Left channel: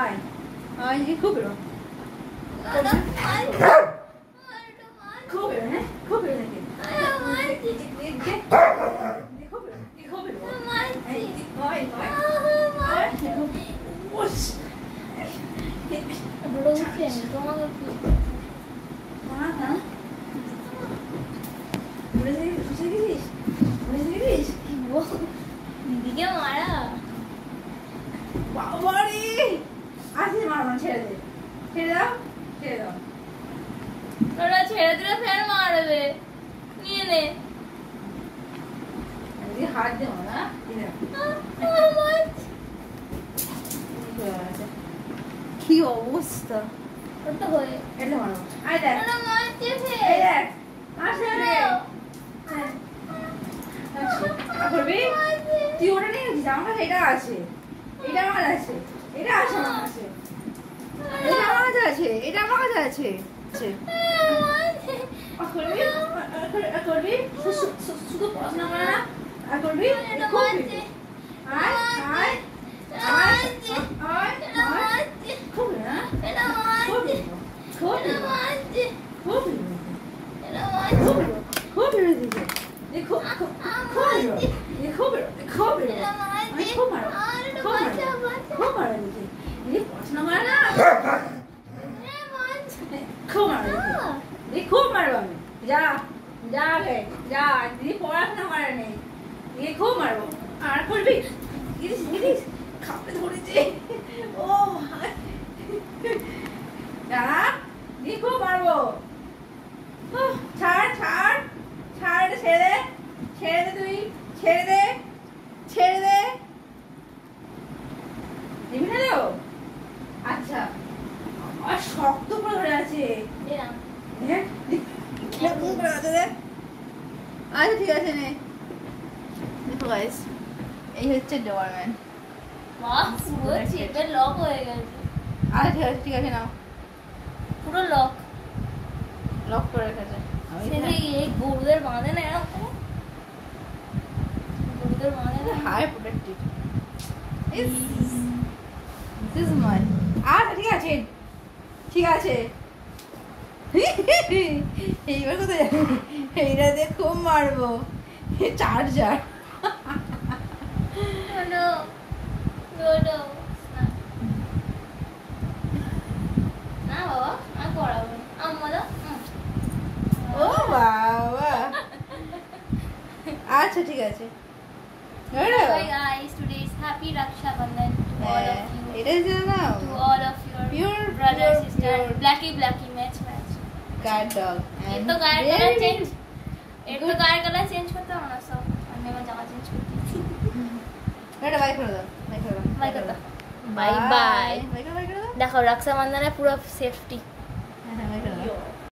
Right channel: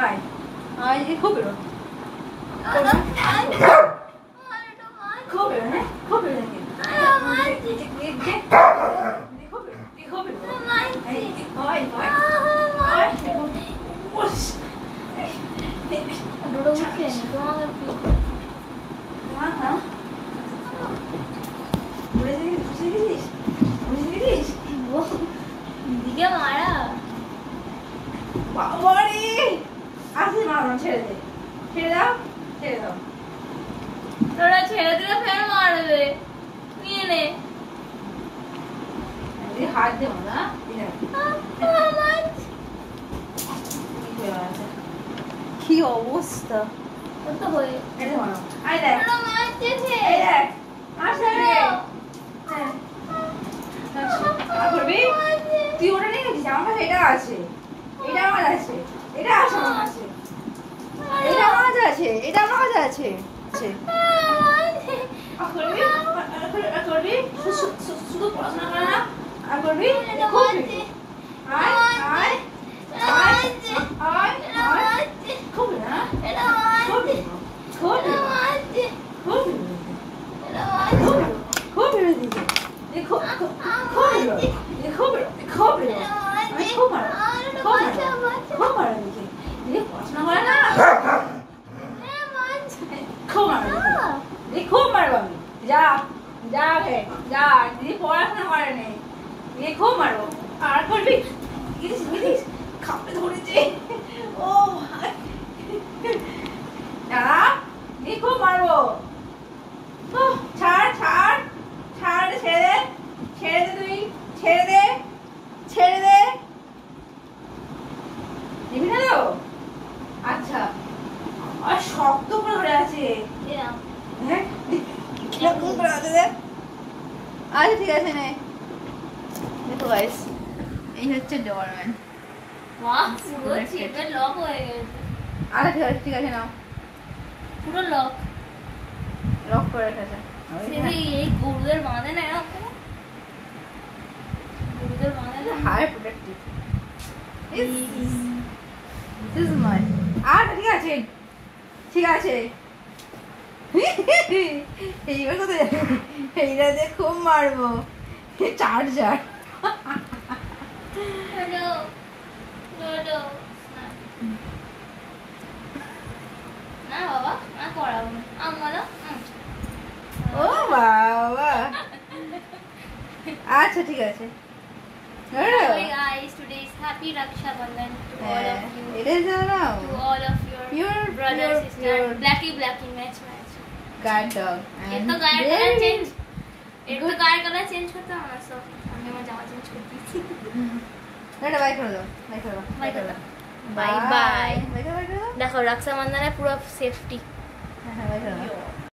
আয় আয় এই খুব বেরো খুব বেরো হ্যাঁ খুব বেরো তোরা ছেড়ে দিলে ফের মারবে নিয়ে নে হাত দেবো না কি অবস্থা তো হয়ে এটা মানো আয় দেখ মারছে এই দেখ আসলে করবি তুই ওটা নিয়ে গেছিস আমার কাছে এটা আছে এটা আমার আছে এটা আছে আমার কাছে এটা আমার কাছে আছে এটা আমার কাছে আছে করবি করবি শুধু পড়াশোনা করে না আর করবি খুব আয় আয় আয় আয় আয় খুব না খুব খুব খুব খুব দেখো খুব দেখো খুব আমি খুব মারো খুব মারো দেখি ये पहुंचना वाला ना खूब मारो ये खूब मारो আমি যা যা গে যা দিদি পড়াশোনা করে নেই ये खूब मारो আর করবি ইরিস ইরিস খাপে ধরেছে ও ভাই যা দিদি খুব মারবো ও ছাড় ছাড় ছাড় ছেড়ে তুই ছেড়ে দে নিবি না তো আচ্ছা আর শক্ত করে ধরে আছে হ্যাঁ কিরকম করে আছে দেখ আচ্ছা ঠিক আছে নে দেখো গাইস এই হচ্ছে ডোরম্যান বাহ পুরো চেপে লক হয়ে গেছে আচ্ছা ঠিক আছে নাও পুরো লক করে রেখেছে সেটা এই গরুদের বাঁধে না এরকম গরুদের বাঁধে না high protective This is mine. ঠিক আছে এইবার কোথায় এইটা দিয়ে খুব মারবো চার্জার না বাবা না পড়াবো আমরা ও বাবা আচ্ছা ঠিক আছে Hi guys, today is Happy Raksha Bandhan to all of you. It is now. To all of your brothers, sisters. Blackie match. Guard dog. एक तो गाय कलर चेंज करता हूँ ना सो हमने मैं जामा चेंज कर दी थी बेटा बाय कर दो बाय बाय देखो रक्षाबंधन है पूरा सेफ्टी बाय कर दो